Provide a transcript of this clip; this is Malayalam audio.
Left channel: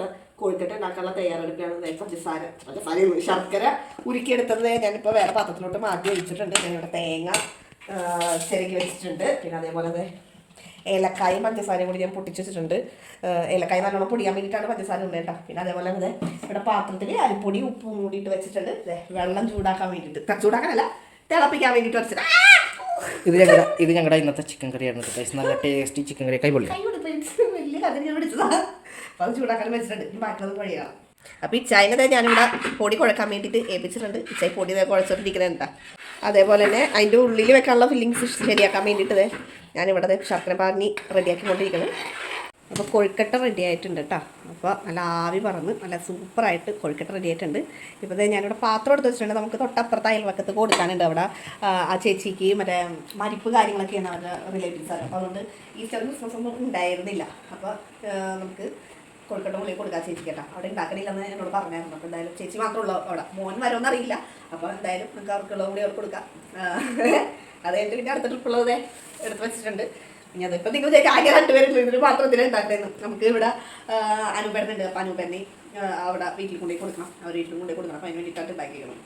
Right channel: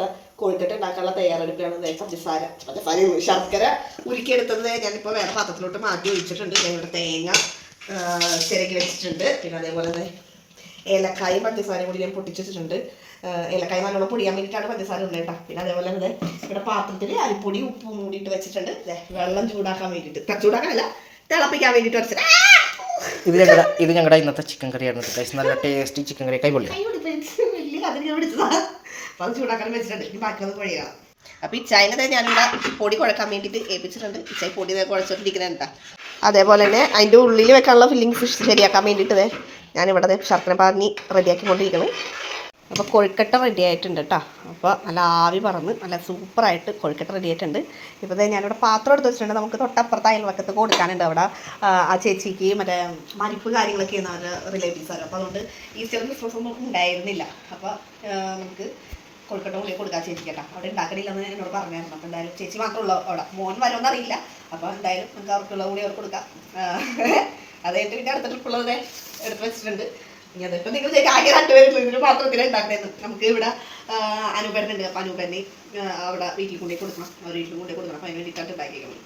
അത് കോഴിക്കട്ട ഉണ്ടാക്കാനുള്ള തയ്യാറെടുപ്പിലാണ്. പഞ്ചസാര ശർക്കര ഉരുക്കിയെടുത്തത് ഞാനിപ്പോൾ വേറെ പാത്രത്തിലോട്ട് മാറ്റി ഒഴിച്ചിട്ടുണ്ട്. ഞങ്ങളുടെ തേങ്ങ ചിരകി വെച്ചിട്ടുണ്ട്. പിന്നെ അതേപോലെ ഏലക്കായും പഞ്ചസാരയും കൂടി ഞാൻ പൊട്ടിച്ച് വെച്ചിട്ടുണ്ട്. ഏലക്കായ നല്ലോണം പൊടിയാൻ വേണ്ടിയിട്ടാണ് പഞ്ചസാര ഉണ്ട് കേട്ടോ. പിന്നെ അതേപോലെ തന്നെ ഇവിടെ പാത്രത്തിൽ അരിപ്പൊടി ഉപ്പും കൂടിയിട്ട് വെച്ചിട്ടുണ്ട്. വെള്ളം ചൂടാക്കാൻ വേണ്ടിയിട്ട്, ചൂടാക്കാനല്ല തിളപ്പിക്കാൻ വേണ്ടിയിട്ട് വെച്ചിട്ട് ഇത് ഞങ്ങളുടെ ഇന്നത്തെ ചിക്കൻ കറിയാണ്. നല്ല ടേസ്റ്റി ചിക്കൻ കറി. കൈ പൊള്ളി വലിയ കഥ ഞാൻ പിടിച്ചതാണ്. അപ്പോൾ അത് ചൂടാക്കാൻ വെച്ചിട്ടുണ്ട്. ഇനി ബാക്കിയത് വഴിയാണ്. അപ്പോൾ ഈ ചായനെ ഞാനിവിടെ പൊടി കുഴക്കാൻ വേണ്ടിയിട്ട് ഏൽപ്പിച്ചിട്ടുണ്ട്. ഇച്ചായി പൊടി കുഴച്ചിട്ടിരിക്കുന്നുണ്ട്. അതേപോലെ തന്നെ അതിൻ്റെ ഉള്ളിൽ വെക്കാനുള്ള ഫില്ലിങ്സ് ശരിയാക്കാൻ വേണ്ടിയിട്ട് ഞാനിവിടെ ശർക്കര പാനി റെഡിയാക്കിക്കൊണ്ടിരിക്കുന്നത്. അപ്പോൾ കൊഴുക്കട്ട റെഡി ആയിട്ടുണ്ട് കേട്ടോ. അപ്പോൾ നല്ല ആവി പറന്ന് നല്ല സൂപ്പറായിട്ട് കൊഴുക്കട്ട റെഡി ആയിട്ടുണ്ട്. ഇപ്പോൾ ഞാനിവിടെ പാത്രം എടുത്ത് വെച്ചിട്ടുണ്ട്. നമുക്ക് തൊട്ടപ്പുറത്ത് അയൽവക്കത്ത് കൊടുക്കാനുണ്ട്. അവിടെ ആ ചേച്ചിക്ക് മറ്റേ മരിപ്പ് കാര്യങ്ങളൊക്കെ ചെയ്യുന്ന അവരുടെ റിലേറ്റീവ്സാണ്. അപ്പോൾ അതുകൊണ്ട് ഈസ്റ്റർ ക്രിസ്മസ് ഒന്നും ഉണ്ടായിരുന്നില്ല. അപ്പോൾ നമുക്ക് കൊഴുക്കട്ട ഉള്ളിൽ കൊടുക്കാൻ ചേച്ചി കേട്ടോ. അവിടെ ഉണ്ടാക്കണില്ലെന്ന് എന്നോട് പറഞ്ഞായിരുന്നു. അപ്പോൾ എന്തായാലും ചേച്ചി മാത്രമുള്ളൂ അവിടെ. മോൻ വരുമെന്ന് അറിയില്ല. അപ്പോൾ എന്തായാലും നമുക്ക് അവർക്കുള്ള കൂടി അവർക്ക് കൊടുക്കാം. അതായിട്ട് പിന്നെ അടുത്ത ട്രിപ്പുള്ളത് എടുത്ത് വെച്ചിട്ടുണ്ട്. ഇനി അതിപ്പോൾ നിങ്ങൾ ആകെ രണ്ടുപേരും ഇതിന് പാത്രത്തിൽ ഉണ്ടാക്കണമെന്ന്. നമുക്ക് ഇവിടെ അനൂപേട്ടനുണ്ട്. അപ്പോൾ അനൂപേനെ അവിടെ വീട്ടിൽ കൊണ്ടുപോയി കൊടുക്കണം. അവർ വീട്ടിൽ കൊണ്ടുപോയി കൊടുക്കണം. അപ്പോൾ അതിന് വേണ്ടിയിട്ടാണ് ഉണ്ടാക്കിയിരിക്കണം.